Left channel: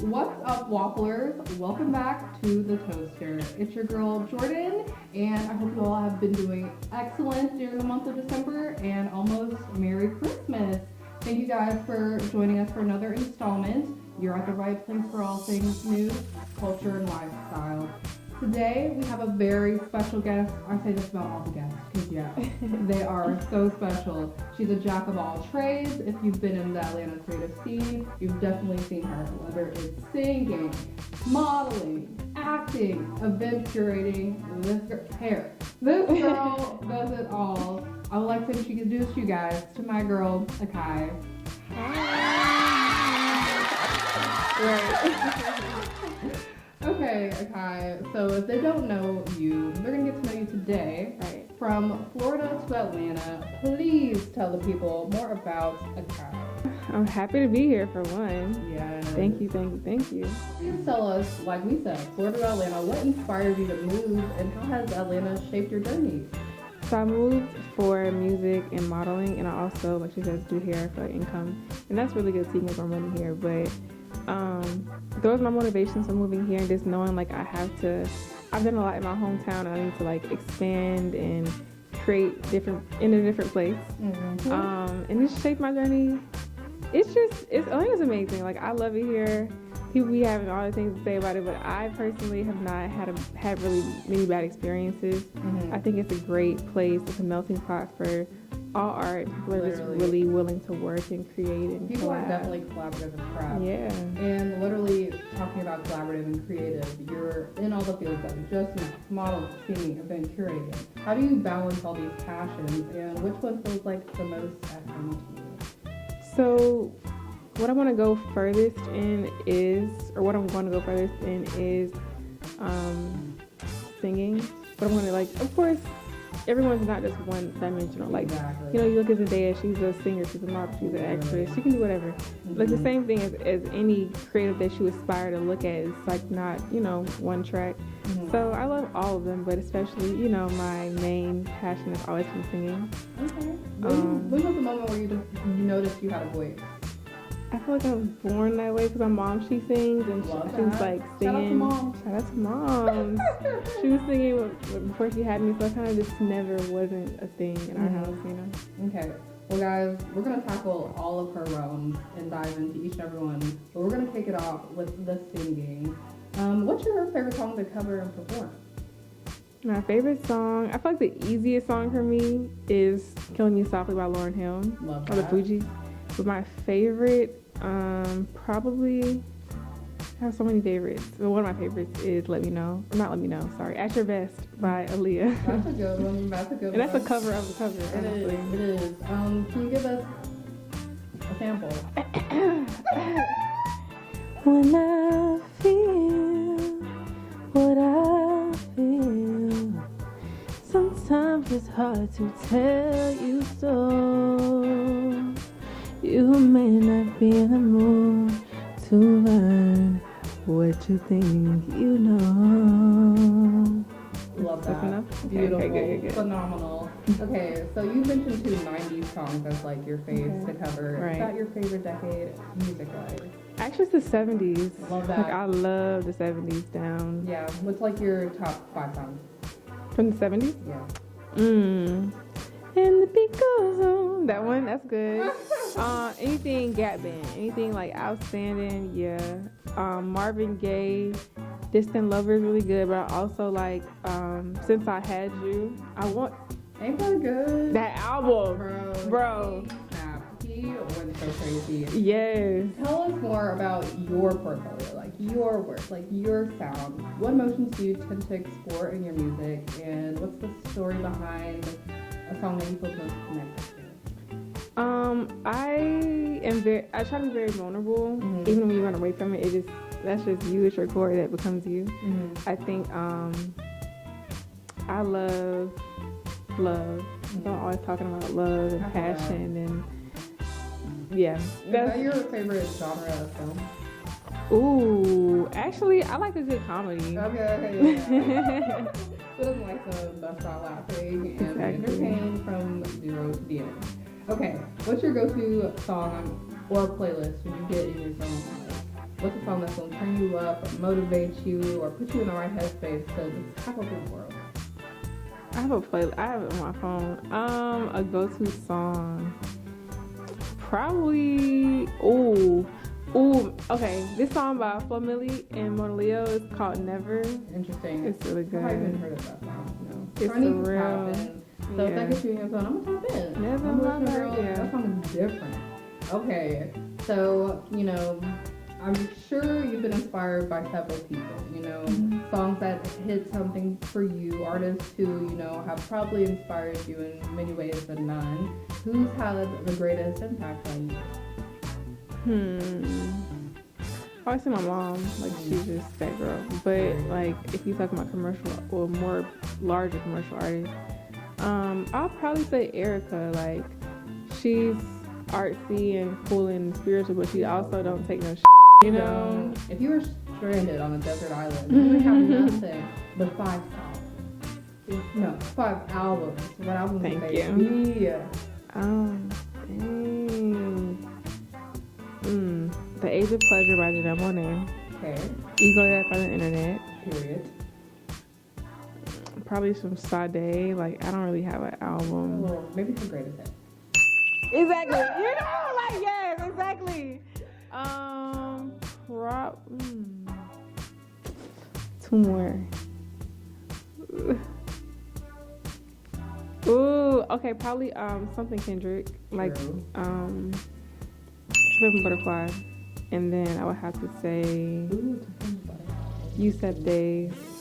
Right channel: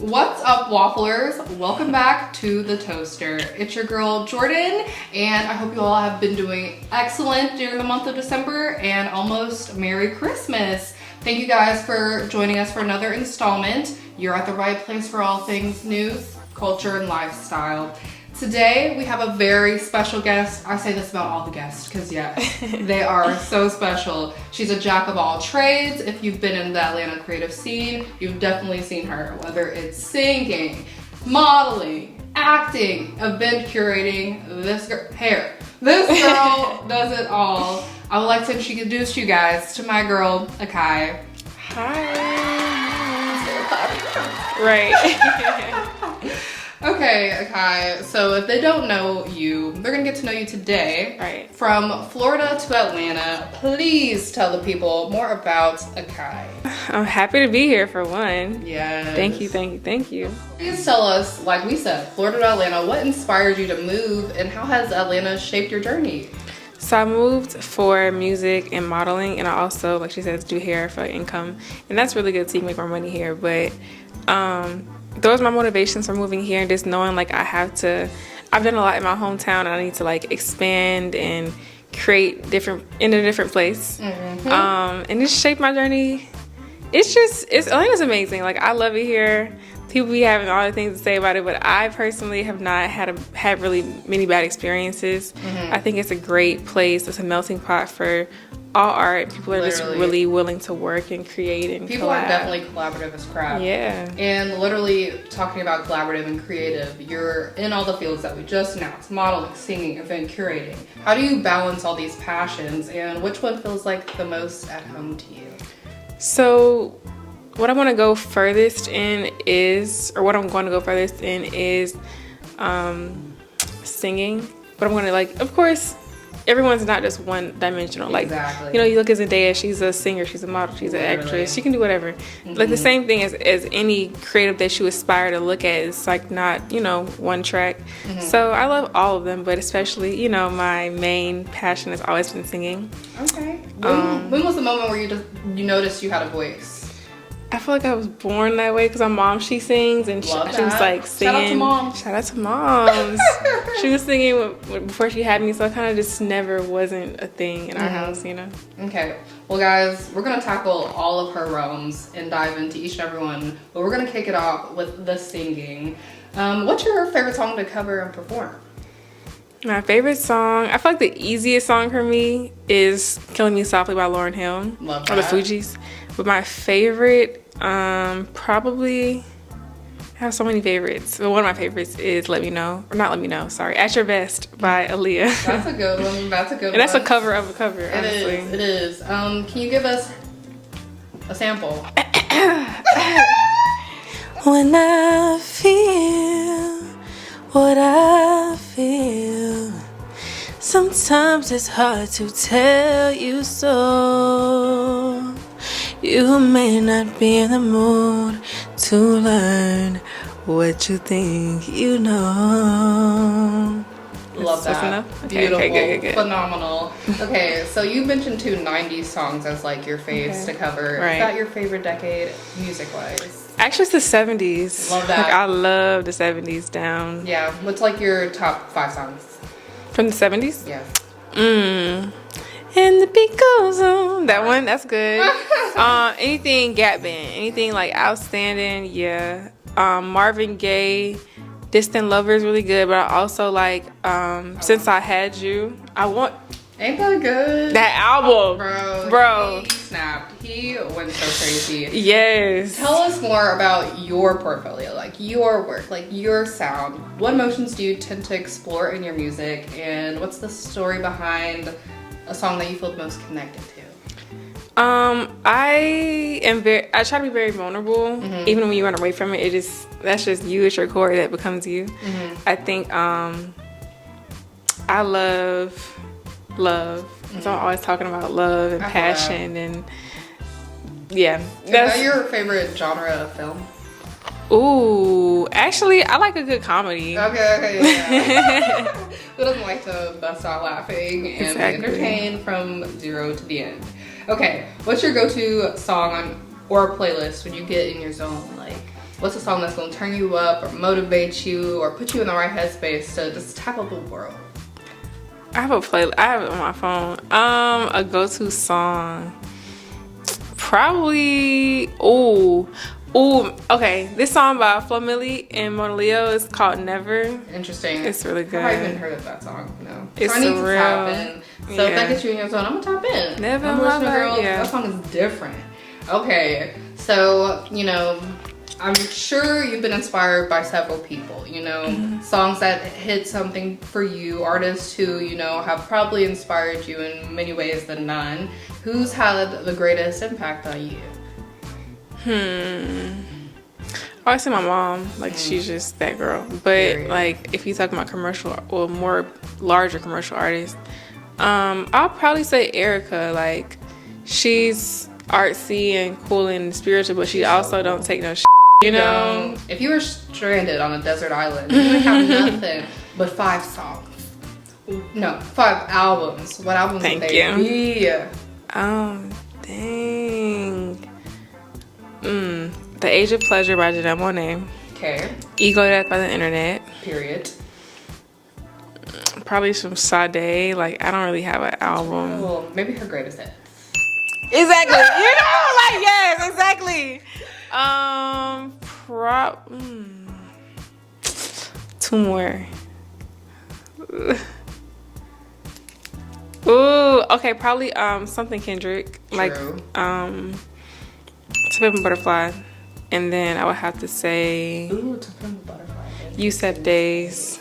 What's up, Wafflers? Welcome back to The Toaster. It's your girl, Jordan, and I hope you all have been doing excellent during the month of December and almost Merry Christmas. Thank you guys for joining us for another installment. You're at the right place for all things news, culture, and lifestyle. Today, we have a very special guest. I say this about all the guests because, yeah, they are so special. She's a jack of all trades. If you've been in the Atlanta creative scene, you've definitely seen her, whether it's singing, modeling, acting, event curating, this girl does it all. I would like to introduce you guys to my girl, Akai. Hi. Right. Okay, Akai, so if they don't know you, they're gonna get to know you today. Right. From Florida to Atlanta, please tell the people more about Akai. I'm happy to be here for one. Yes. Thank you. Please tell us, like we said, Florida to Atlanta, what inspired you to move and how has Atlanta shaped your journey? So I moved for music and modeling, and I also, like she says, do hair for income. And that's really good so you can make more money here. But those are my motivations for moving here, and just knowing like I've done a lot in my hometown and I need to like expand and create in a different place. Mm-hmm. And just shape my journey. Atlanta's amazing. Like I love it here. People be having all the things to say about it, but I personally have not had really many bad experiences. Mm-hmm. I think it's a great place. It's a melting pot for all art. People are just really willing to work and create and people collab. Are definitely collaborative as crap. Yeah. And literally talking about collaborative and creative, you're in all the fields that we just announced: modeling, singing, event curating. How do you balance all these passions, and which one feels like the most at home to you? So what I'm going to go furthest in is singing. But I'm going to, like, of course, everyone's not just one dimensional. Like, exactly. You know, you look at Zendaya, she's a singer, she's a model, she's an actress. She can do whatever. Mm-hmm. Like the same thing as any creative that you aspire to look at. It's like not, one track. Mm-hmm. So I love all of them, but especially, my main passion has always been singing. Okay. When was the moment where you noticed you had a voice? I feel like I was born that way because my mom, she sings and she was like singing. Shout out to moms. She was singing before she had me, so I kind of just never wasn't a thing in our house, Okay. Well, guys, we're going to tackle all of her realms and dive into each and every one, but we're going to kick it off with the singing. What's your favorite song to cover and perform? My favorite song, I feel like the easiest song for me is Killing Me Softly by Lauryn Hill. Love that. Or the Fugees. But my favorite, probably, I have so many favorites. But one of my favorites is At Your Best by Aaliyah. That's a good one. And that's a cover of a cover, honestly. It is. Can you give us a sample? When I feel what I feel, sometimes it's hard to tell you so. You may not be in the mood to learn what you think you know. Love that. Okay, beautiful. Good. Phenomenal. Okay, so you mentioned 2 90s songs as like your faves to cover. Right. Is that your favorite decade music-wise? Actually, it's the 70s. Love that. Like, I love the 70s down. Yeah. What's like your top 5 songs? From the 70s? Yeah. And the beat goes on. That one, that's good. Anything Gap Band, anything like Outstanding, yeah. Marvin Gaye, Distant Lover is really good, but I also like Since I Had You. Ain't that good? That album. Bro. He snapped. He went so crazy. Yes. Tell us more about your portfolio, like your work, like your sound. What emotions do you tend to explore in your music, and what's the story behind a song that you feel most connected to? I try to be very vulnerable. Mm-hmm. Even when you run away from it, that's just you. It's your core that becomes you. Mm-hmm. I think I love. Mm-hmm. So I'm always talking about love and passion and yeah. Is that your favorite genre of film? Ooh, actually, I like a good comedy. Okay, yeah. Who doesn't like to bust out laughing and be entertained from 0 to the end? Okay, what's your go-to song or playlist when you get in your zone? Like, what's a song that's gonna turn you up or motivate you or put you in the right headspace to just tackle the world? I have it on my phone. A go-to song. Probably, okay. This song by Flo Milli and Mona Leo is called Never. Interesting. It's really good. I haven't even heard of that song. No. It's so I need surreal. to tap in. So if that gets you in your zone, I'm gonna tap in. Never I'm listening, Lover, girl. yeah. That song is different. Okay, so I'm sure you've been inspired by several people. Songs that hit something for you, artists who have probably inspired you in many ways than none. Who's had the greatest impact on you? I always say my mom, like she's just that girl. But like if you talk about commercial or more larger commercial artists, I'll probably say Erica. Like she's artsy and cool and spiritual, but she also don't take no shit, you know? If you were stranded on a desert island, you would have nothing but 5 songs. No, 5 albums. What albums would they be? Dang. The Age of Pleasure by Janelle Monáe. Okay. Ego Death by the Internet. Period. Probably some Sade. Like, I don't really have an album. Well, maybe her greatest hit. Exactly. Yes, exactly. 2 more. Ooh, okay, probably something Kendrick. True. Like To Pimp a Butterfly. And then I would have to say Ooh, To Pimp a Butterfly. Yusef Days.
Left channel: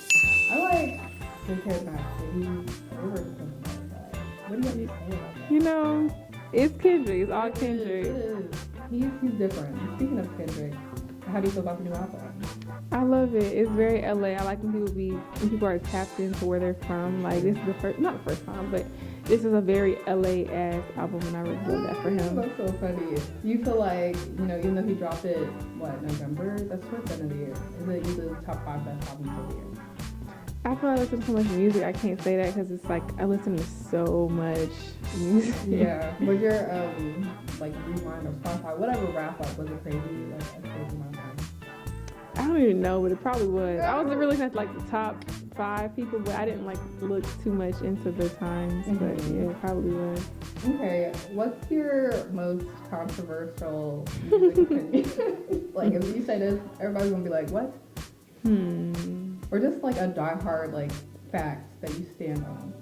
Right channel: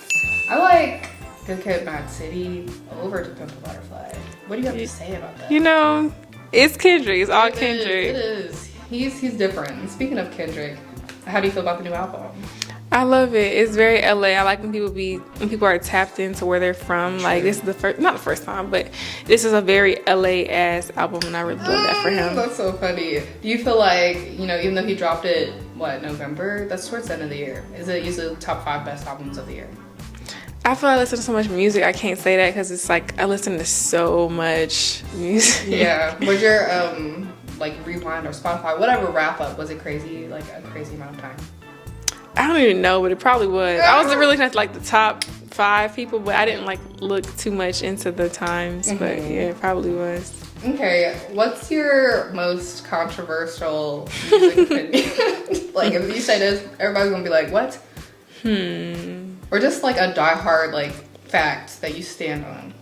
I like Good Kid, Mad City over To Pimp a Butterfly. What do you have to say about that? It's Kendrick. It's all It Kendrick. is. He's different. Speaking of Kendrick, how do you feel about the new album? I love it. It's very LA. I like when people are tapped into where they're from. Like this is not the first time, but this is a very LA ass album, and I really love that for him. That's so funny. Do you feel like even though he dropped it November? That's towards the end of the year. Is it usually the top 5 best albums of the year? I feel like I listen to so much music. I can't say that because it's like I listen to so much music. Yeah. Was your Rewind or Spotify, whatever wrap up, was it crazy? Like a crazy amount of time? I don't even know, but it probably was. I wasn't really looking at the top 5 people, but I didn't look too much into the times. But yeah, it probably was. Okay, what's your most controversial music opinion? Like if you say this, everybody's gonna be like, what? Or just like a diehard fact that you stand on.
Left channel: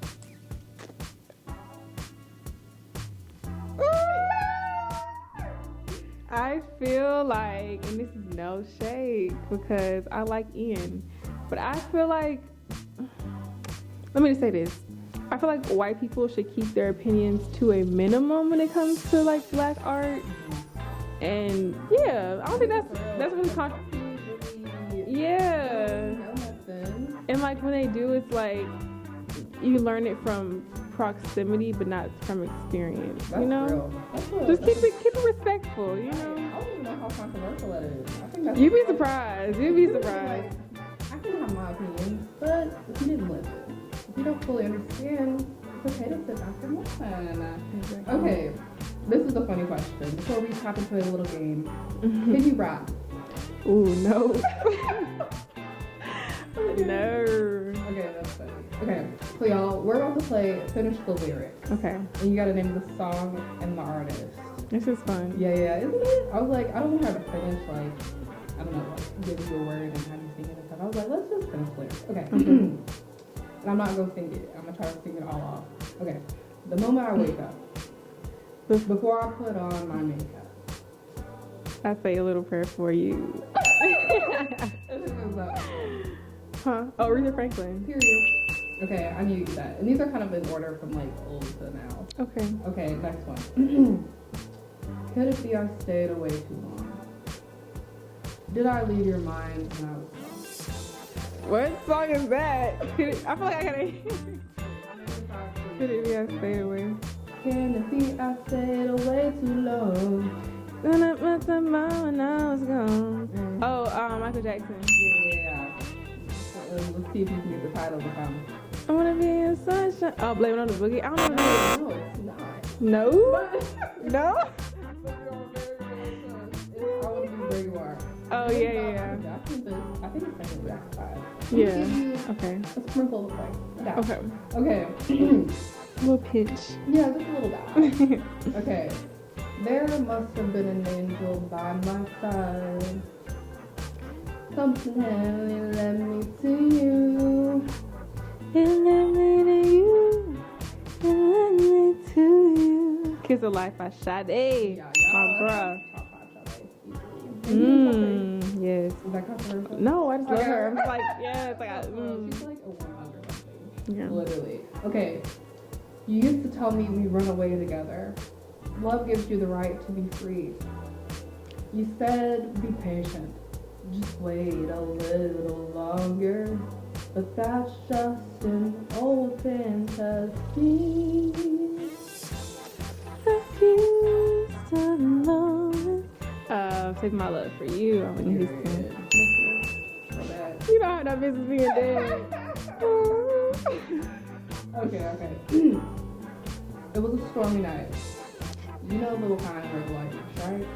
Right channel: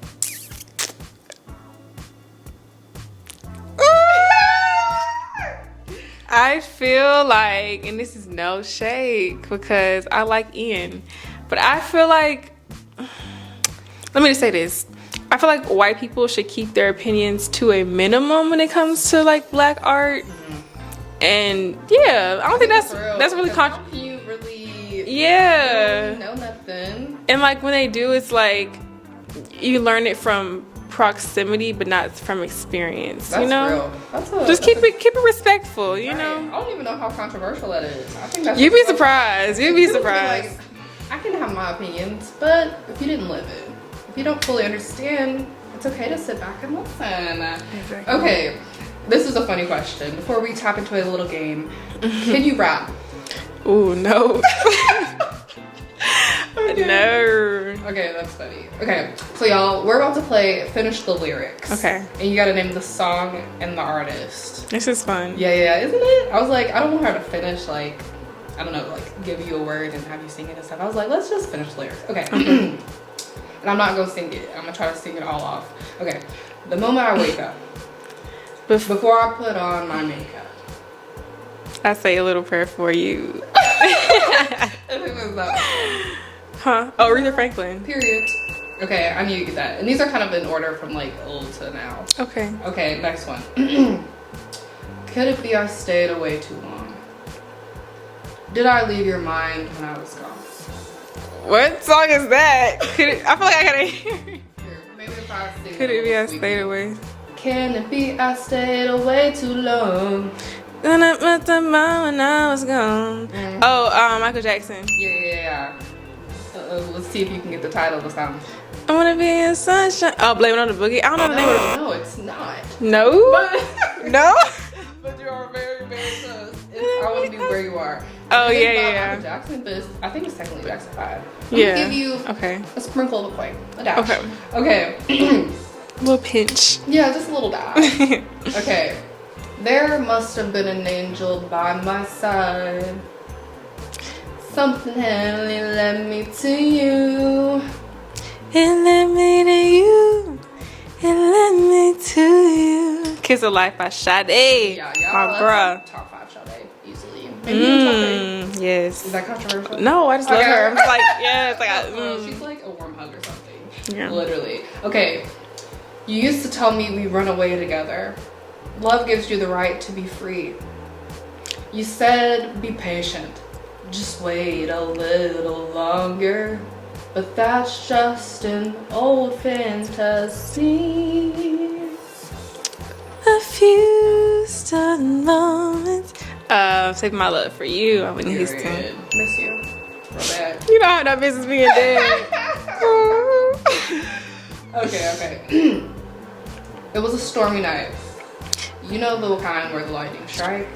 I feel like, and this is no shade because I like Ian, but I feel like, let me just say this. I feel like white people should keep their opinions to a minimum when it comes to Black art. And yeah, I don't think that's really You really know nothing. And when they do, it's you learn it from proximity but not from experience. That's real. Just keep it respectful, you know. I don't even know how controversial that is. I think that's You'd be surprised. You'd be People surprised. I can have my opinions, but if you didn't live it, if you don't fully understand, it's okay to sit back and listen. Exactly. Okay, this is a funny question. Before we tap into a little game, can you rap? Ooh, no. Okay. No. Okay, that's funny. Okay, so y'all, we're about to play Finish the Lyrics. Okay. And you gotta name the song and the artist. This is fun. Yeah, isn't it? I was like, I don't want her to finish, I don't know, give you a word and have you sing it and stuff. I was like, let's just finish the lyrics. Okay. And I'm not gonna sing it. I'm gonna try to sing it all off. Okay. The moment I wake up, before I put on my makeup, I say a little prayer for you. I think that's that. Huh? Oh, Aretha Franklin. Period. Okay, I knew you get that. And these are kind of in order from old to now. Okay. Okay, next one. Could it be I stayed away too long? Did I leave your mind when I was gone? What song is that? I feel like I gotta hear. Maybe if I sing Could it be I sweet. stayed away? Can it be I stayed away too long? When I met the mom when I was gone. Oh, Michael Jackson. Yeah. Let's see if you can get the title of the song. I wanna be in sunshine. Oh, Blame It on the Boogie. I don't know the name of No, it's not. it. No? No? But you are very, very close. It's I Want to Be Where You Are. Oh, It is yeah, about yeah. Michael Jackson, but I think it's technically Jackson 5. Yeah. Give you Okay. a sprinkle of Quay. A dash. Okay. Okay. A little pinch. Yeah, just a little dash. Okay. There must have been an angel by my side. Something heavenly led me to you. It led me to you. It led me to you. Kiss of Life by Sade. Yeah, My that's bruh. Top 5 Sade, easily. Maybe even top 3. Yes. Is that controversial? No, I just love Okay. her. I'm just like, yeah, it's like, Bro, she's like a warm hug or something. Yeah. Literally. Okay. You used to tell me we run away together. Love gives you the right to be free. You said be patient. Just wait a little longer. But that's just an old fantasy. A few stun moments. Save My Love for You. I'm in Houston. Miss you. Real bad. You know how that business being dead. Okay. It was a stormy night. You know the kind where the lightning strikes.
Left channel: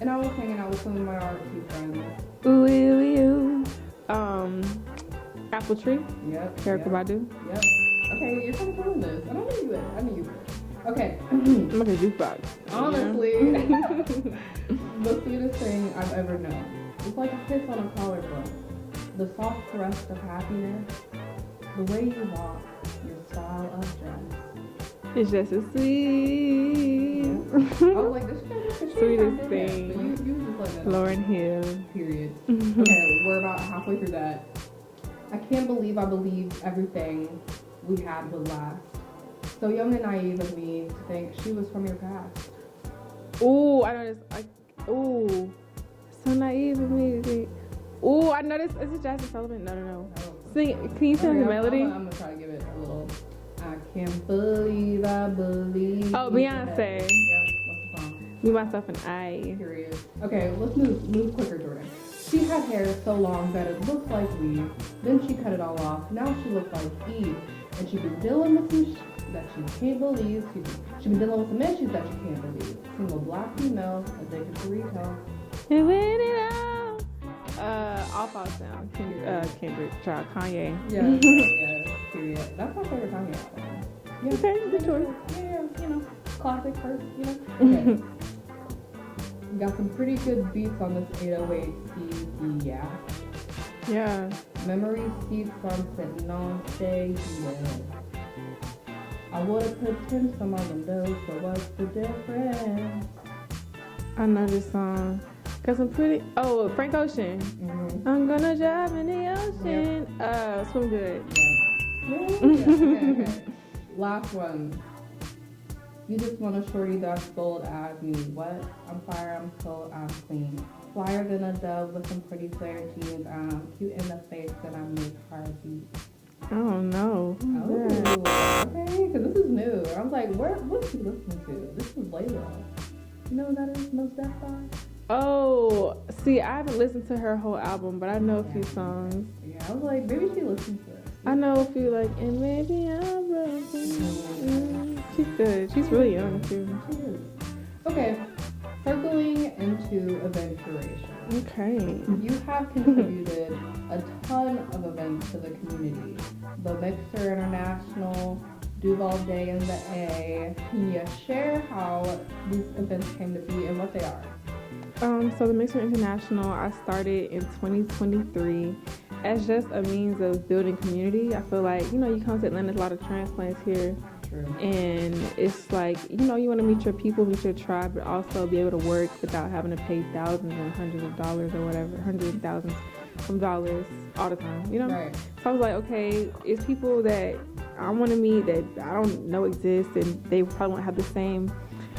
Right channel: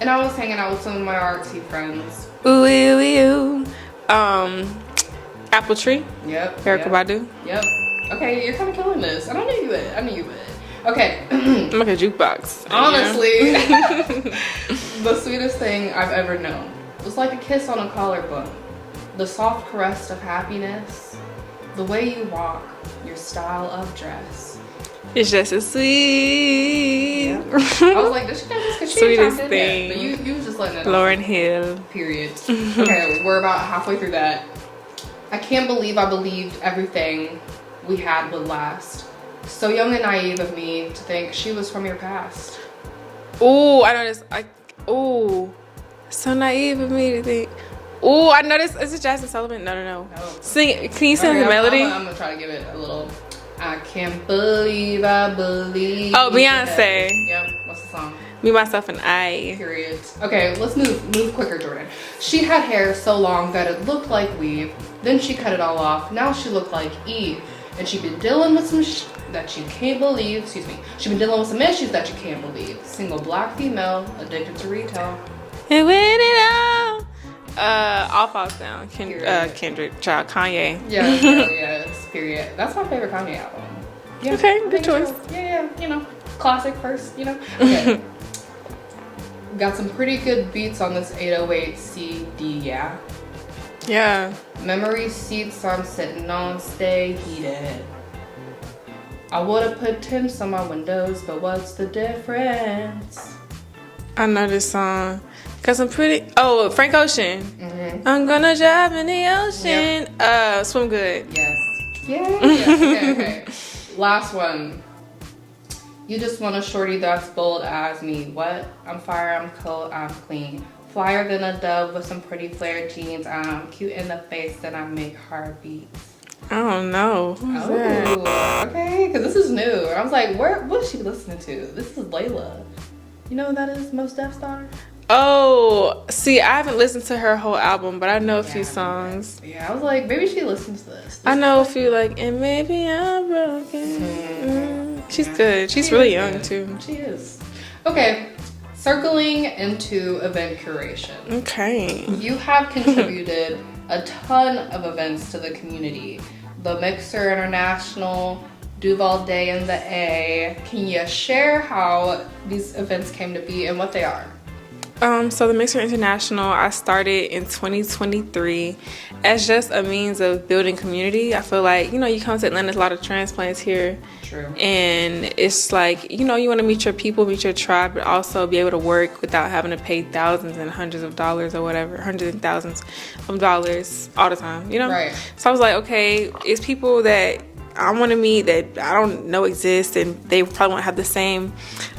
And I was hanging out with some of my artsy friends. Ooh, ooh, ooh. Apple Tree. Yep. Erykah yep, Badu. Yep. Okay, you're kind of killing this. I knew you would. Okay. I'm like a jukebox. Honestly, the sweetest thing I've ever known was like a kiss on a collarbone. The soft caress of happiness. The way you walk. Your style of dress. It's just as sweet. Yeah. I was like, this she does this Sweetest thing. thing. But you was just letting it Lauryn Hill. Period. Okay, we're about halfway through that. I can't believe I believed everything we had would last. So young and naive of me to think she was from your past. Ooh, I know this. Ooh, so naive of me to think. Ooh, I know this. Is it Jasmine Sullivan? No. No. Sing. Can you sing the melody? I'm gonna try to give it a little. I can't believe I believe. Oh, Beyonce. Yep. What's the song? Me, Myself, and I. Period. Okay, let's move quicker, Jordan. She had hair so long that it looked like weave. Then she cut it all off. Now she looked like Eve. And she'd been dealing with some that you can't believe. Excuse me. She'd been dealing with some issues that you can't believe. Single black female, addicted to retail. And when it all falls down. Kendrick, child, Kanye. Yes. Period. That's my favorite Kanye album. Yeah, Okay, I good think choice. so. Yeah, you know, classic first, you know. Okay. Got some pretty good beats on this 808 CD, yeah. Yeah. Memory seats I'm sitting on stay heated. I would've put tints on my windows, but what's the difference? I know this song. Cause I'm pretty. Oh, Frank Ocean. Mm-hmm. I'm gonna drive in the ocean. Swim Good. Yes. Yeah. Okay. Last one. You just want a shorty that's bold as me. What? I'm fire, I'm cold, I'm clean. Flyer than a dove with some pretty flared jeans. I'm cute in the face and I make heartbeats. I don't know. Who's that? Oh, okay, because this is new. I was like, what is she listening to? This is Layla. You know who that is? Mos Def Star? Oh, see, I haven't listened to her whole album, but I know a few songs. Yeah, I was like, maybe she listens to this. I know a few, like, and maybe I'm broken. She's good. She's really young, too. She is. Okay, circling into event curation. Okay. You have contributed a ton of events to the community. The Mixer International, Duval Day in the A. Can you share how these events came to be and what they are? So the Mixer International, I started in 2023 as just a means of building community. I feel like, you come to Atlanta, there's a lot of transplants here. True. And it's like, you want to meet your people, meet your tribe, but also be able to work without having to pay thousands and hundreds of dollars or whatever, hundreds and thousands of dollars all the time, Right. So I was like, okay, it's people that I want to meet that I don't know exist, and they probably won't have the same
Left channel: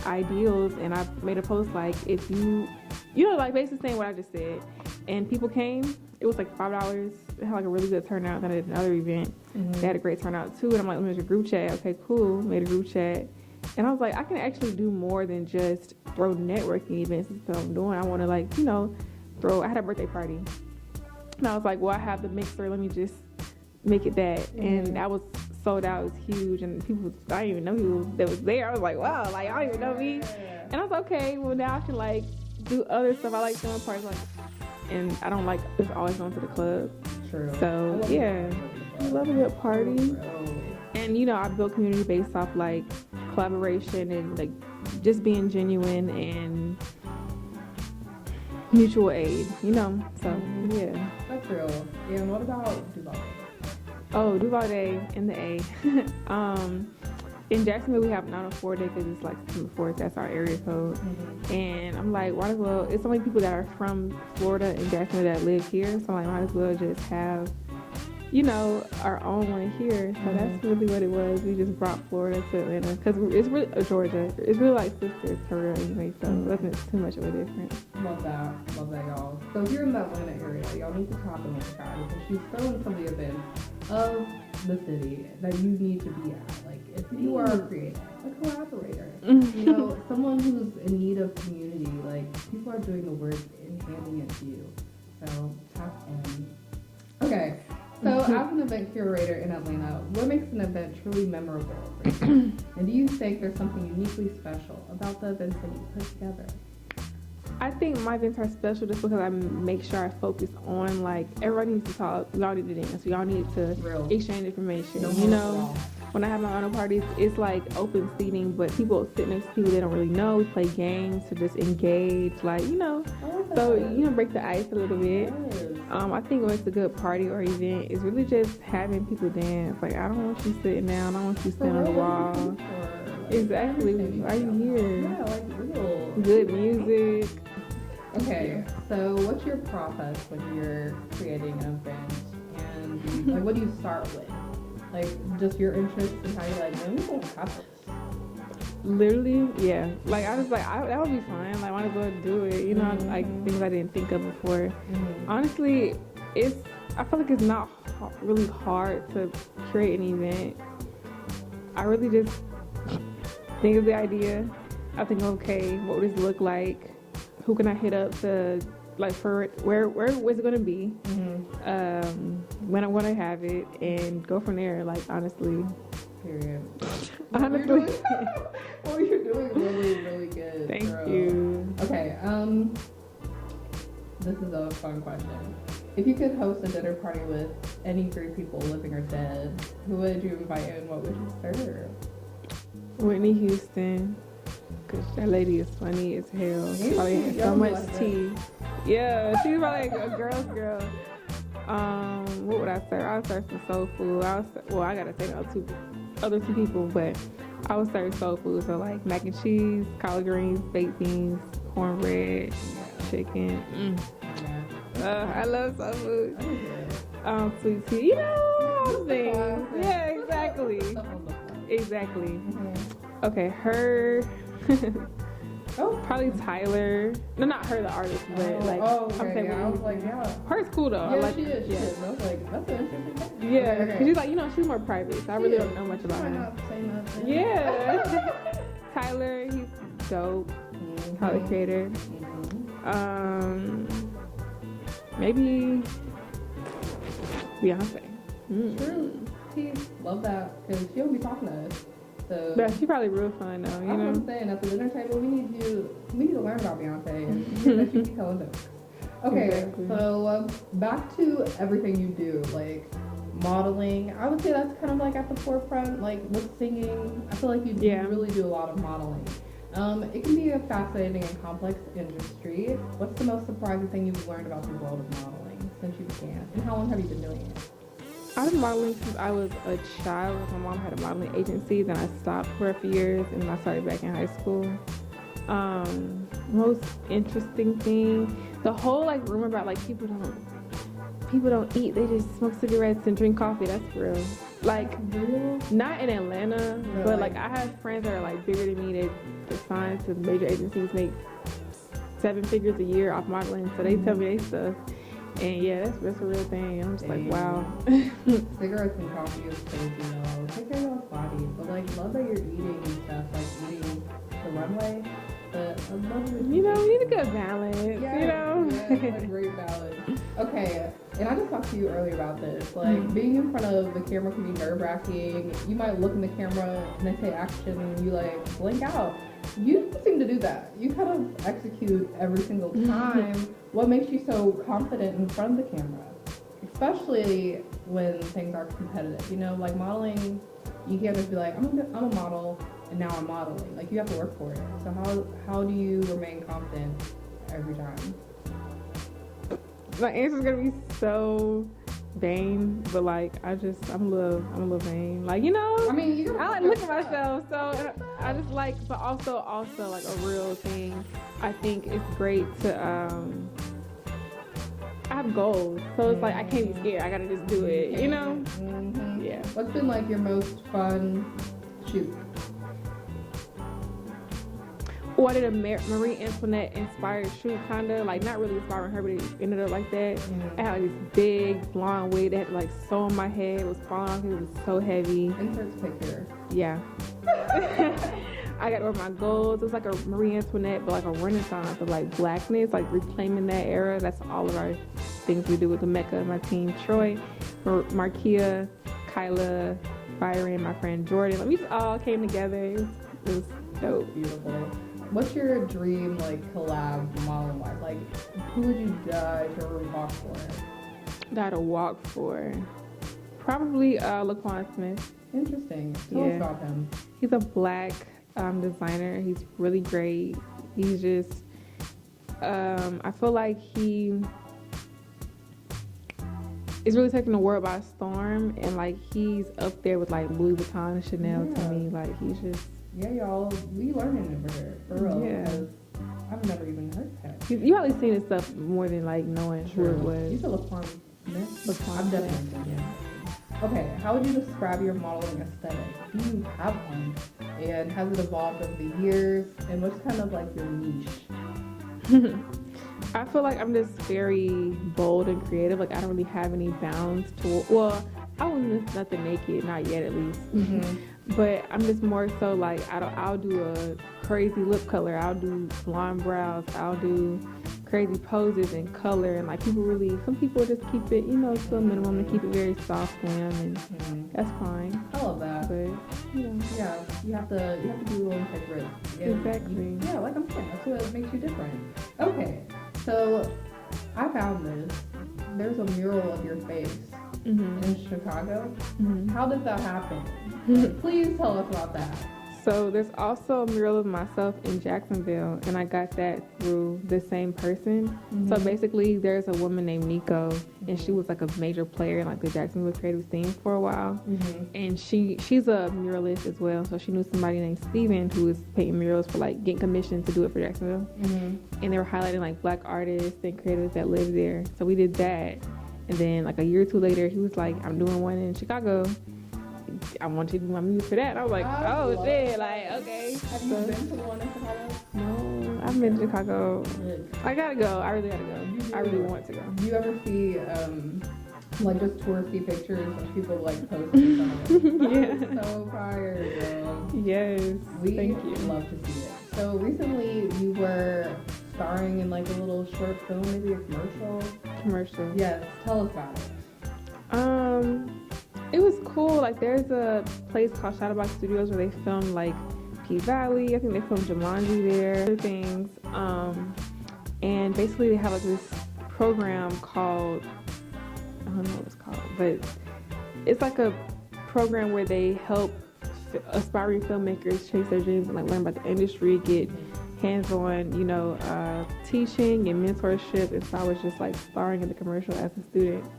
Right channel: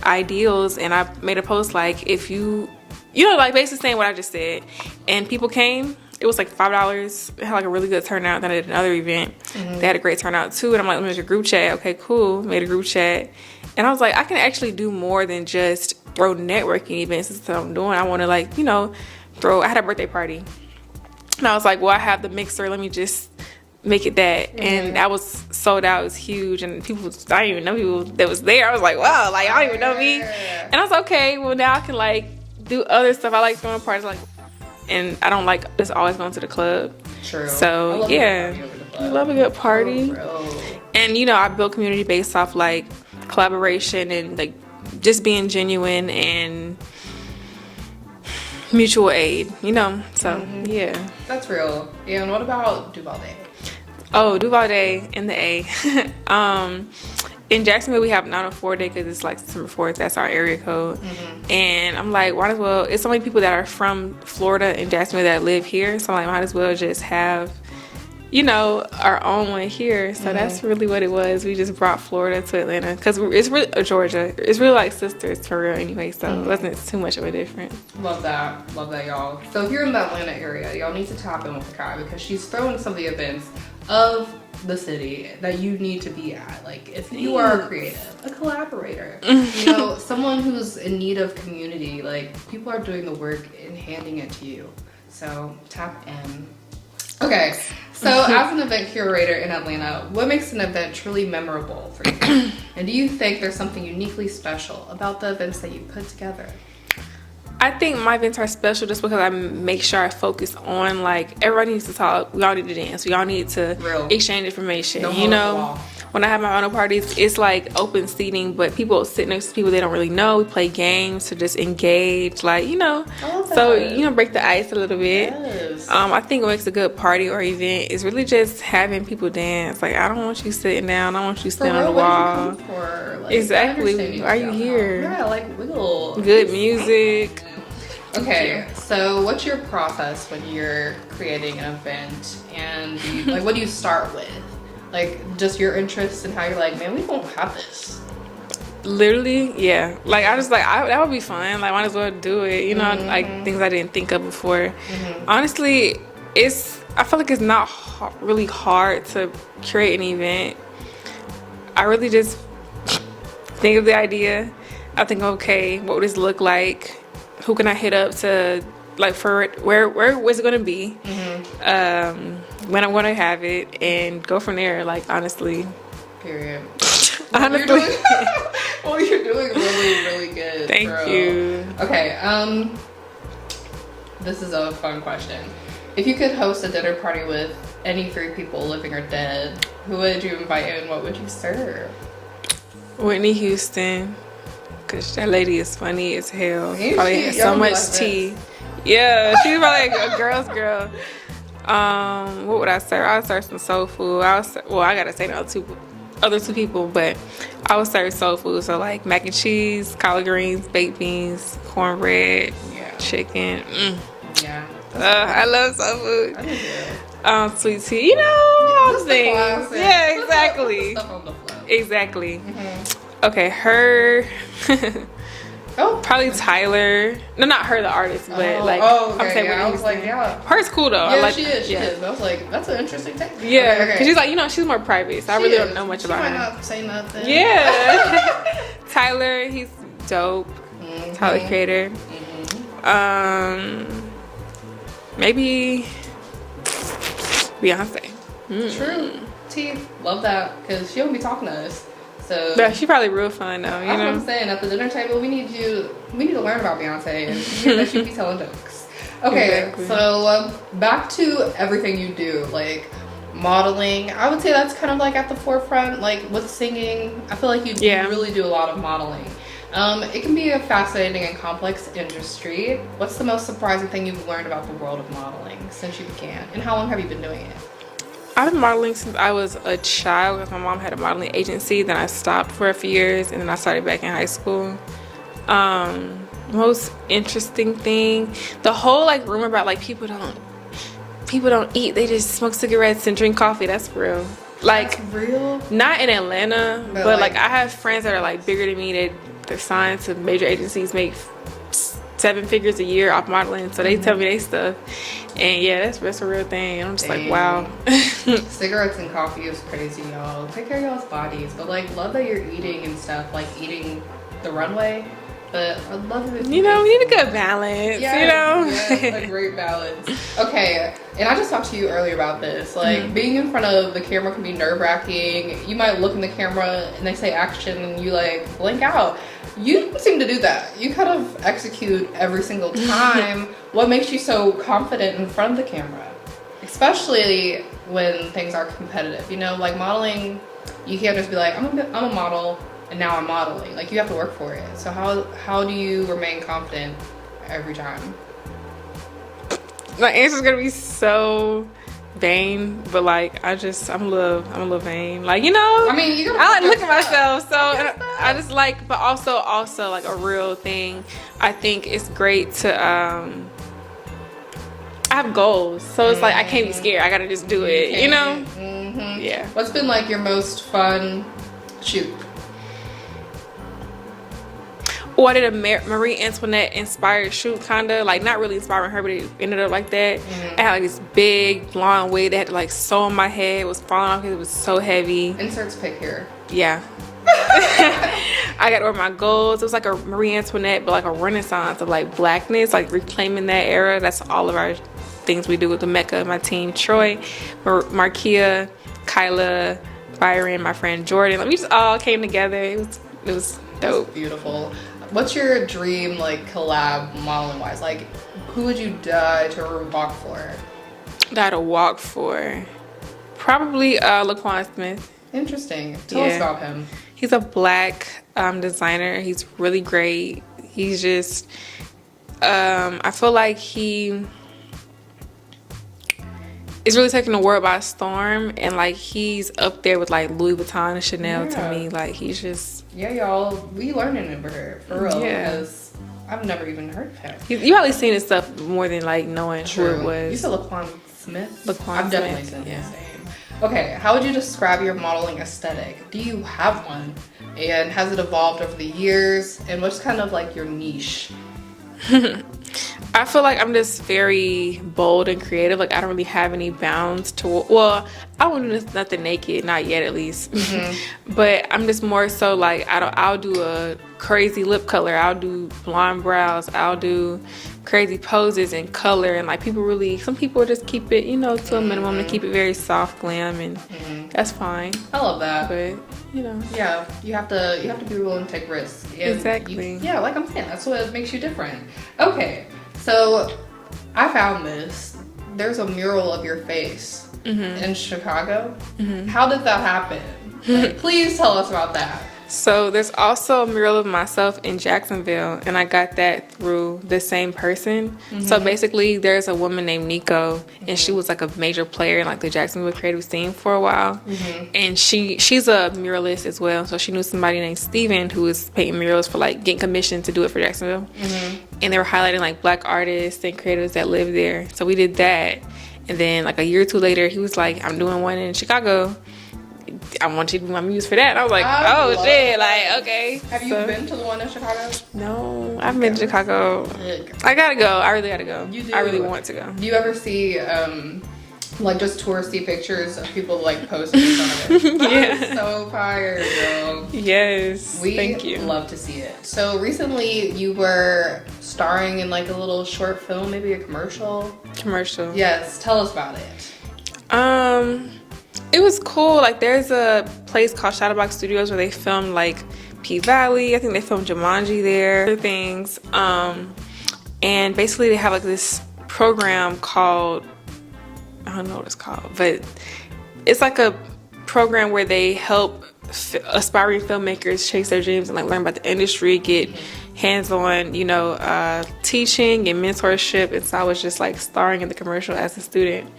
ideals. And I made a post like, if you like basically saying what I just said, and people came. It was like $5. It had like a really good turnout. Then I did another event. Mm-hmm. They had a great turnout too. And I'm like, let me make a group chat. Okay, cool. Made a group chat. And I was like, I can actually do more than just throw networking events. That's what I'm doing. I want to I had a birthday party. And I was like, well, I have the Mixer. Let me just make it that. Mm-hmm. And that was sold out. It was huge. And I didn't even know people that was there. I was like, wow, I don't even know me. And I was like, okay, well now I can do other stuff. I like throwing parties and I don't like just always going to the club. True. So yeah, I love a good party. And you know, I build community based off like collaboration and like just being genuine and mutual aid, you know. So yeah, that's real. Yeah. And what about Duvalde? Oh, Duvalde in the A. In Jacksonville, we have 904 Day because it's like September 4th. That's our area code. And I'm like, might as well. It's so many people that are from Florida and Jacksonville that live here. So I'm like, might as well just have, you know, our own one here. So that's really what it was. We just brought Florida to Atlanta because it's really Georgia. It's really like sisters for real anyway. So it wasn't too much of a difference. Love that, y'all. So if you're in the Atlanta area, y'all need to tap in with Kai because she's throwing some of the events of the city that you need to be at. Like if you are a creative, a collaborator, you know, someone who's in need of community, like people are doing the work and handing it to you. So tap in. Okay, so as an event curator in Atlanta, what makes an event truly memorable for you? And do you think there's something uniquely special about the events that you put together? I think my events are special just because I make sure I focus on like everybody needs to talk. We all need to dance. We all need to exchange information. No, you know, when I have my own parties, it's like open seating, but people sit next to people they don't really know. We play games to just engage, like you know. So you know, break the ice a little bit. Yes. I think what makes a good party or event is really just having people dance. Like I don't want you sitting down. I want you standing on the wall. What you come for? Like, exactly. Why are you here? Yeah, like wiggle. Good music. Okay, so what's your process when you're creating an event, and like what do you start with? Like just your interests and how you're like, man, we don't have this. Literally, yeah. Like I just like that would be fun. Like might as well do it. You know, like things I didn't think of before. Honestly, I feel like it's not really hard to create an event. I really just think of the idea. I think, okay, what would this look like? Who can I hit up to, like, for it? Where is it going to be? When I'm going to have it, and go from there. Like, honestly. Period. Honestly. Well, you're doing really, really good. Thank you. Okay. This is a fun question. If you could host a dinner party with any 3 people, living or dead, who would you invite and what would you serve? Whitney Houston. Cause that lady is funny as hell. Probably has so much tea. Yeah, she's probably like a girl's girl. What would I serve? I would serve some soul food. I gotta say the other two people, but I would serve soul food. So like mac and cheese, collard greens, baked beans, cornbread, chicken. Yeah. I love soul food. Sweet tea. You know, all the things. Yeah, exactly. Stuff on the floor. Exactly. Okay, her. Probably Tyler. No, not her, the artist, but like. Okay, I'm saying I was like, yeah. Her's cool though. Yeah, I like, she is. I was like, that's an interesting thing. Yeah, okay. Cause she's like, you know, she's more private, so I really don't know much about her. She might not say nothing. Yeah. Tyler, he's dope. Tyler the Creator. Maybe Beyonce. True. T, love that because she don't be talking to us. So yeah, she probably real fun though. You that's know what I'm saying. At the dinner table, we need to learn about Beyonce and hear that she be telling jokes. Okay, exactly. So back to everything you do, like modeling. I would say that's kind of like at the forefront. Like with singing, I feel like you really do a lot of modeling. It can be a fascinating and complex industry. What's the most surprising thing you've learned about the world of modeling since you began, and how long have you been doing it? I've been modeling since I was a child. My mom had a modeling agency, then I stopped for a few years, and then I started back in high school. Most interesting thing, the whole like rumor about like people don't eat, they just smoke cigarettes and drink coffee. That's real. Like that's real? Not in Atlanta, but like I have friends that are like bigger than me. They're signed to major agencies, make 7 figures a year off modeling, so they tell me they stuff. And yeah, that's a real thing. I'm just like, wow. Cigarettes and coffee is crazy, y'all. Take care of y'all's bodies. But like, love that you're eating and stuff, like eating the runway. but I love it. You know, we need a good balance, Yes, you know? yes, a great balance. Okay, and I just talked to you earlier about this. Like, being in front of the camera can be nerve-wracking. You might look in the camera and they say action and you like blink out. You don't seem to do that. You kind of execute every single time. What makes you so confident in front of the camera? Especially when things are competitive. You know, like modeling, you can't just be like, I'm a model and now I'm modeling. Like, you have to work for it. So how do you remain confident every time? My answer's gonna be so vain, but like I'm a little vain. Like, you know, I mean, you I like gotta look at myself, so I just like, but also like a real thing. I think it's great to I have goals, so it's like I can't be scared. I gotta just do it, you know? Mm-hmm. Yeah. What's been like your most fun shoot? Oh, I did a Marie Antoinette inspired shoot, kinda like not really inspiring her, but it ended up like that. I had like this big blonde wig that had to like sew on my head. It was falling off because it was so heavy. Inserts pic here. Yeah. I got to wear my golds. It was like a Marie Antoinette, but like a renaissance of like blackness, like reclaiming that era. That's all of our things we do with the Mecca, my team, Troy, Markia, Kyla, Byron, my friend Jordan. Like, we just all came together. It was dope. That's beautiful. What's your dream like collab modeling wise? Like, who would you die to walk for? Die to walk for. Probably Laquan Smith. Interesting. Tell us about him. He's a black designer. He's really great. He's just, I feel like he is really taking the world by storm, and like he's up there with like Louis Vuitton and Chanel to me. Like, he's just. Yeah, y'all, we learning it for real. Yeah. Because I've never even heard of him. You probably seen his stuff more than like knowing True. who it was. You said Laquan Smith? Laquan I've definitely Smith, seen yeah. his name. Okay, how would you describe your modeling aesthetic? Do you have one? And has it evolved over the years? And what's kind of like your niche? I feel like I'm just very bold and creative. Like, I don't really have any bounds to, well, I wouldn't do nothing naked, not yet at least. But I'm just more so like, I'll do a crazy lip color. I'll do blonde brows. I'll do crazy poses and color. And like, some people just keep it, you know, to a minimum, to keep it very soft glam, and that's fine. I love that. But, you know. Yeah, you have to be willing to take risks. And Exactly. yeah, like I'm saying, that's what makes you different. Okay, so I found this. There's a mural of your face in Chicago. How did that happen? Like, please tell us about that. So there's also a mural of myself in Jacksonville, and I got that through the same person. So basically, there's a woman named Nico, and she was like a major player in like the Jacksonville creative scene for a while. And she's a muralist as well. So she knew somebody named Steven who was painting murals for like getting commissioned to do it for Jacksonville. And they were highlighting like black artists and creators that live there. So we did that. And then like a year or two later, he was like, I'm doing one in Chicago. I want you to do my muse for that. And I was like, oh shit, like, okay. Have you been to the one in Chicago? No, I've been to Chicago. I gotta go. I really gotta go. You do? I really want to go. Do you ever see like just touristy pictures of people like posting in front of it? Yeah. So fire, girl. Yes. Thank you. Love to see it. So recently you were starring in like a little short film, maybe a commercial. Commercial. Yes, tell us about it. It was cool. Like, there's a place called Shadowbox Studios where they filmed like P-Valley. I think they filmed Jumanji there. Other things. And basically they have like this program called, I don't know what it's called, but it's like a program where they help aspiring filmmakers chase their dreams and like learn about the industry, get hands-on, you know, teaching and mentorship. And so I was just like starring in the commercial as a student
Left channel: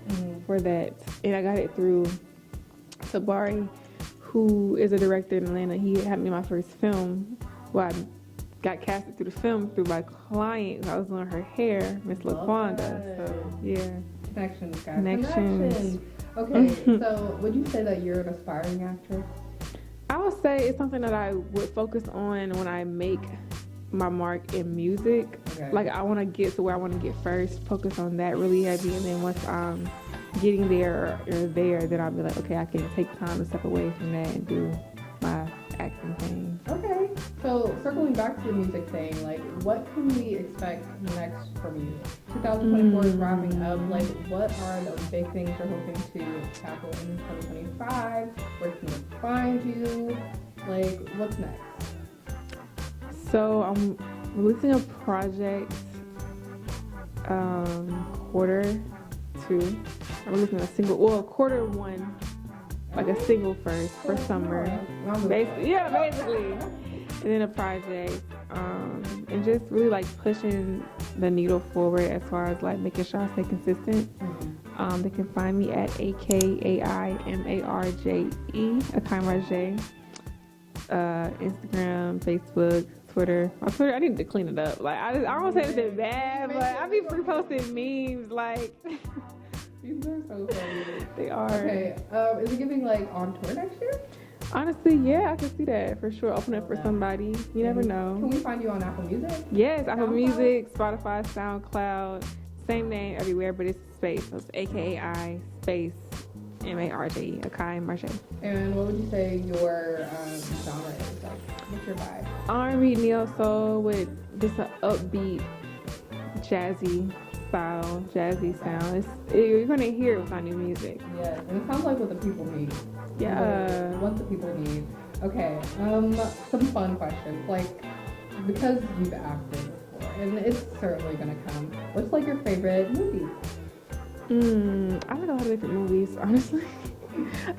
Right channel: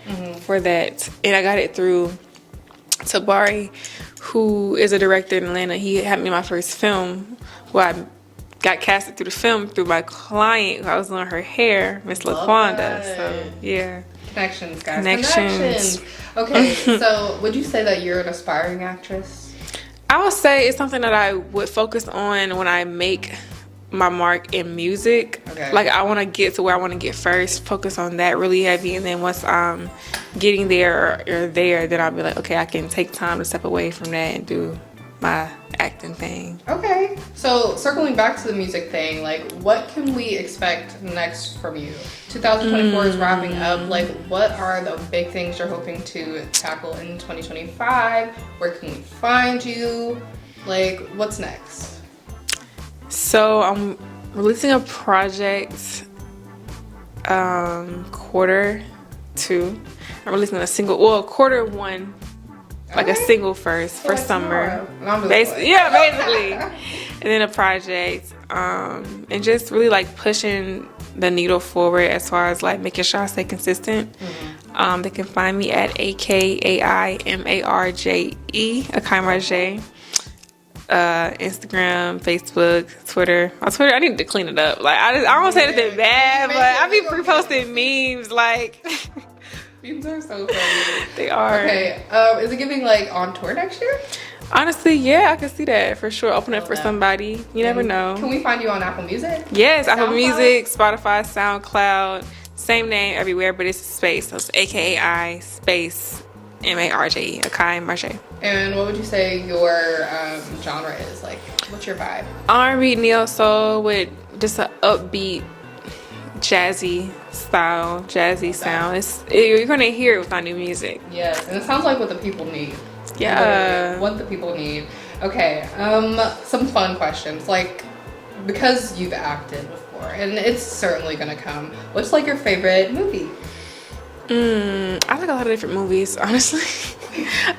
for that. And I got it through Tabari, who is a director in Atlanta. He had me in my first film. Well, I got casted through the film through my client who I was doing her hair, Miss LaQuanda. So yeah. Connections, guys. Connections. Okay, so would you say that you're an aspiring actress? I would say it's something that I would focus on when I make my mark in music. Okay. Like, I want to get to where I want to get first, focus on that really heavy, and then once I'm getting there or there, then I'll be like, okay, I can take time to step away from that and do my acting thing. Okay. So circling back to the music thing, like what can we expect next from you? 2024 is wrapping up. Like what are the big things you're hoping to tackle in 2025? Where can we find you? Like what's next? So I'm releasing a project quarter 2. I'm releasing a single, well, quarter 1, like a single first for summer. Basically. And then a project, and just really like pushing the needle forward as far as like making sure I stay consistent. They can find me at AKAIMARJE, Akai Marjay. Instagram, Facebook, Twitter. On Twitter, I need to clean it up. Like I don't say anything bad, but I be reposting memes. Like memes are so funny. They are. Okay. Is it giving like on tour next year? Honestly, yeah, I can see that for sure. Open up for somebody. You never know. Can we find you on Apple Music? Yes, Apple Music, Spotify, SoundCloud. Same name everywhere, but it's a space. So it's AKAI space MARJE, Akai Marjay. And what would you say your genre is? Like, what's your vibe? R&B, neo soul with just an upbeat, jazzy style, jazzy sound. You're gonna hear it with our new music. Yes, and it sounds like what the people need. Yeah. What the people need. Okay, some fun questions. Like, because you've acted before, and it's certainly gonna come, what's like your favorite movie? I like a lot of different movies, honestly.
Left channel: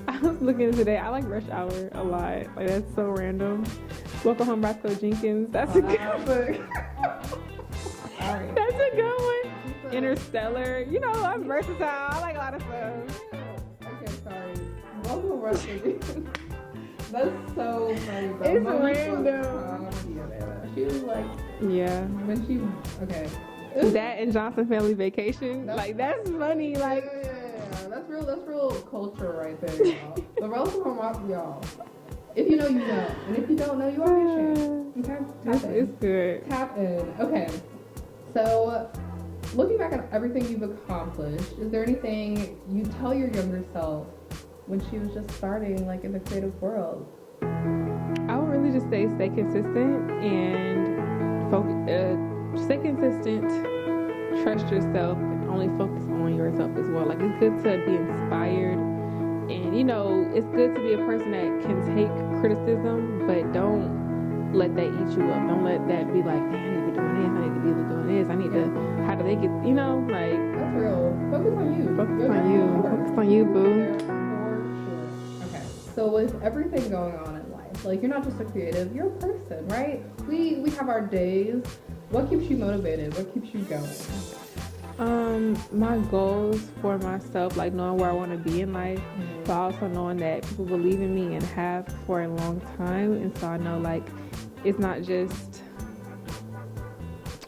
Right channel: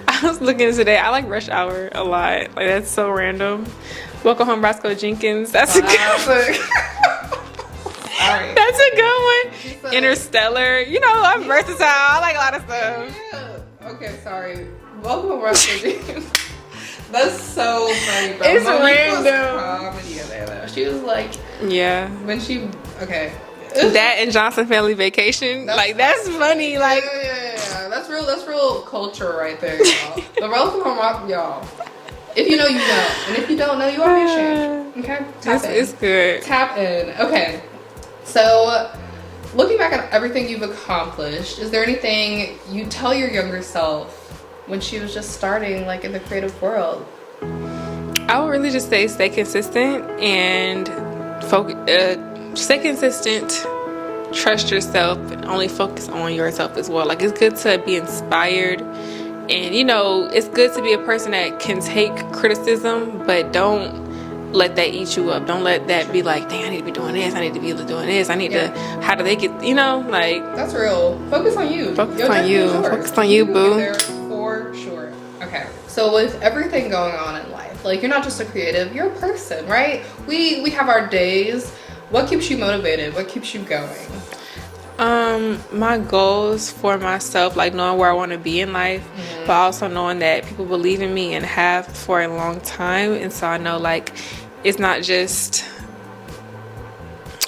I was looking today. I like Rush Hour a lot. Like, that's so random. Welcome Home, Roscoe Jenkins. That's a good one. Sorry. That's a good one. Interstellar. You know, I'm versatile. I like a lot of stuff. Yeah. Okay, sorry. Welcome Home, Roscoe Jenkins. That's so funny, bro. It's Monique random. was comedy in there, though. She was like, yeah. when she, okay. That and Johnson Family Vacation. That's funny. Like, yeah. That's real culture right there, y'all. The Welcome Home Rock, y'all. If you know, you know. And if you don't know, you are ashamed. Okay? Tap in. It's good. Tap in. Okay. So, looking back at everything you've accomplished, is there anything you tell your younger self when she was just starting, like, in the creative world? I would really just say stay consistent and stay consistent, trust yourself, and only focus on yourself as well. Like, it's good to be inspired, and you know, it's good to be a person that can take criticism, but don't let that eat you up. Don't let that be like, dang, I need to be doing this, I need to be doing this, I need to, how do they get, you know, like. That's real. Focus on you. Focus on you. Focus on you, boo. There for sure. Okay. So with everything going on in life, like, you're not just a creative, you're a person, right? We have our days. What keeps you motivated? What keeps you going? My goals for myself, like knowing where I want to be in life, but also knowing that people believe in me and have for a long time. And so I know, like, it's not just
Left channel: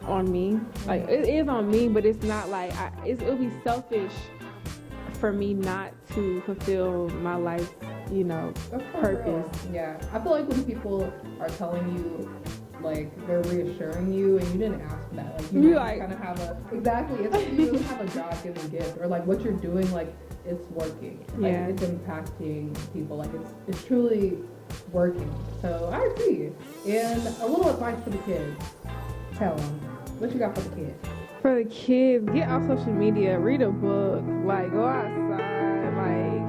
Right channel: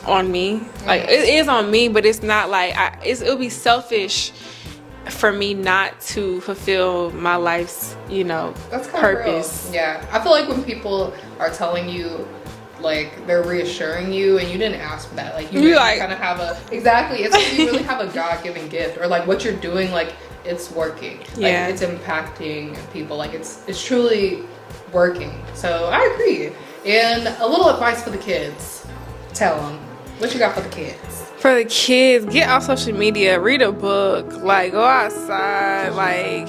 on me. Like, it is on me, but it's not like, it'll be selfish for me not to fulfill my life's, you know, purpose. Real. Yeah. I feel like when people are telling you, like, they're reassuring you and you didn't ask for that, like, you really kind of have it's like you really have a God-given gift, or like what you're doing, like, it's working, like, it's impacting people, like, it's truly working. So I agree. And a little advice for the kids. Tell them what you got for the kids. For the kids, get off social media, read a book, like, go outside, like,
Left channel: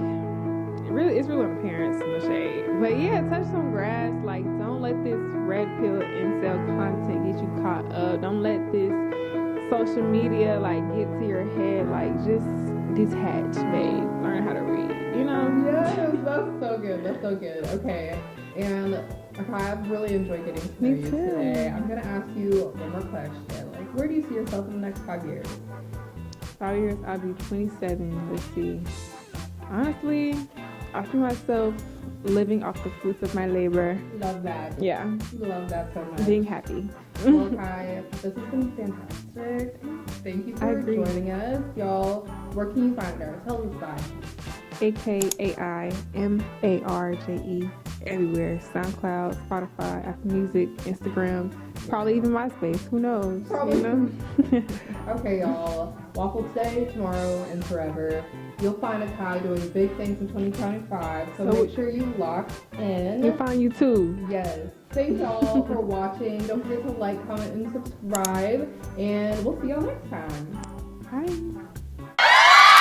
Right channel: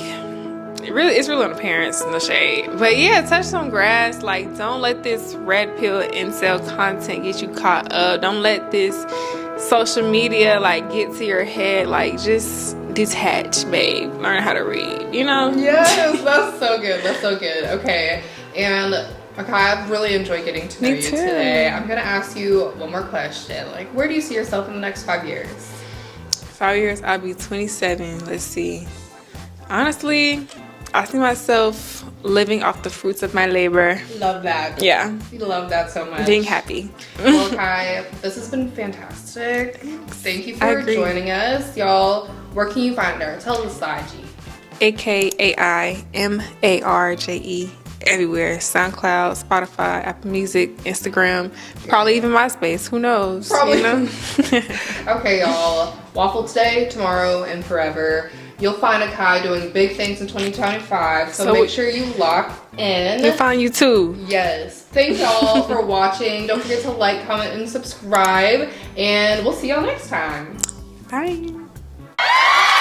it's really on the parents in the shade. But yeah, touch some grass. Like, don't let this red pill incel content get you caught up. Don't let this social media, like, get to your head. Like, just detach, babe. Learn how to read, you know? Yes, that's so good. That's so good. Okay. And okay, I've really enjoyed getting to know you today. I'm gonna ask you one more question. Like, where do you see yourself in the next 5 years? 5 years, I'll be 27. Let's see. Honestly, I see myself living off the fruits of my labor. Love that. Yeah. We love that so much. Being happy. Well, Kai, this has been fantastic. Thank you for joining us. Y'all, where can you find her? Tell us the IG. AKAIMARJE. everywhere. SoundCloud, Spotify, Apple Music, Instagram, probably even MySpace. Who knows? Probably. You know? Okay, y'all. Waffle today, tomorrow, and forever. You'll find Akai doing big things in 2025, so make sure you lock in. We'll find you too. Yes. Thanks y'all for watching. Don't forget to like, comment, and subscribe. And we'll see y'all next time. Bye.